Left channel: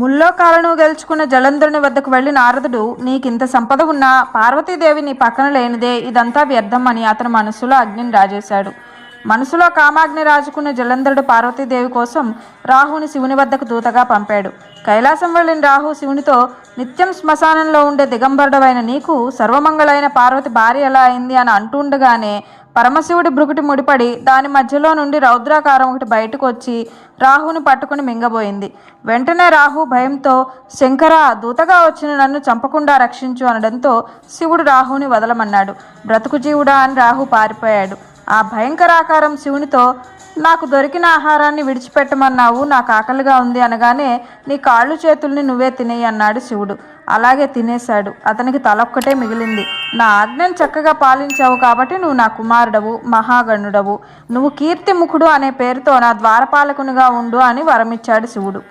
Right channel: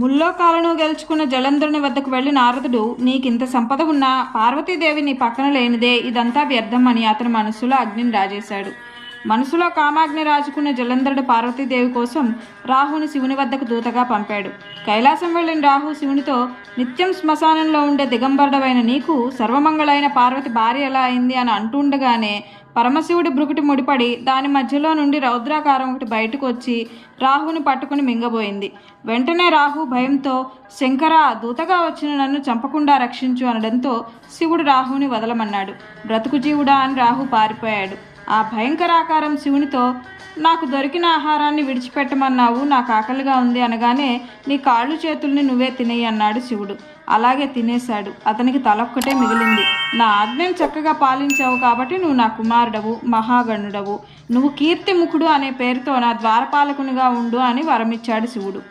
ముల్లోకాలను గెలుచుకున్న జలంధరుని వద్దకు వెళ్లి నారదుడు, నీకింత సంపద ఉన్నా పార్వతీదేవి నీ పక్కన లేనిదే ఇదంతా వ్యర్థం అని అతని మనసులో అగ్నిని రాజేశాడు. మనసులో కామాగ్ని రాజుకున్న జలంధరుడు పార్వతీదేవి కోసం రాహుని శివుని వద్దకు దూతగా పంపాడు. కైలాసం వెళ్ళిన రాహు శివునితో, నిత్యం శ్మశానంలో ఉండే దిగంబరుడవైన నీకు సర్వమంగళైన పార్వతి భార్య ఎలా అయింది అని అంటుండగానే పరమశివుడి బ్రుకుటి ముడిపడి దాని మధ్యలో నుండి రౌద్రాకారం ఒకటి బయటకు వచ్చి రాహుని పట్టుకుని మింగబోయింది. వెంటనే రాహు భయంతో, శంకర, దూతగా వచ్చిన నన్ను చంపకుండా రక్షించు అనడంతో శివుడు రాహుని వదలమన్నాడు. బ్రతుకు జీవుడా అని రాహు పారిపోయాడు. ఆ భయంకరాకారం శివునితో, నాకు దొరికిన ఆహారాన్ని విడిచిపెట్టమన్నావు, నాకు ఆకలిగా ఉంది అనగానే నీ కాళ్ళు చేతుల్ని నువ్వే తినేయి అన్నాడు శివుడు. అలాగే తినేశాడు. అతనికి తలొక్కటే మిగిలింది. నా ఆజ్ఞను చక్కగా పాలించావు కాబట్టి నువ్వు నా కుమారుడవు, మహాగణుడవు. నువ్వు కీర్తిముఖుడు అనే పేరుతో నా ద్వారపాలకునిగా ఉండు అని వరమిచ్చాడు శివుడు.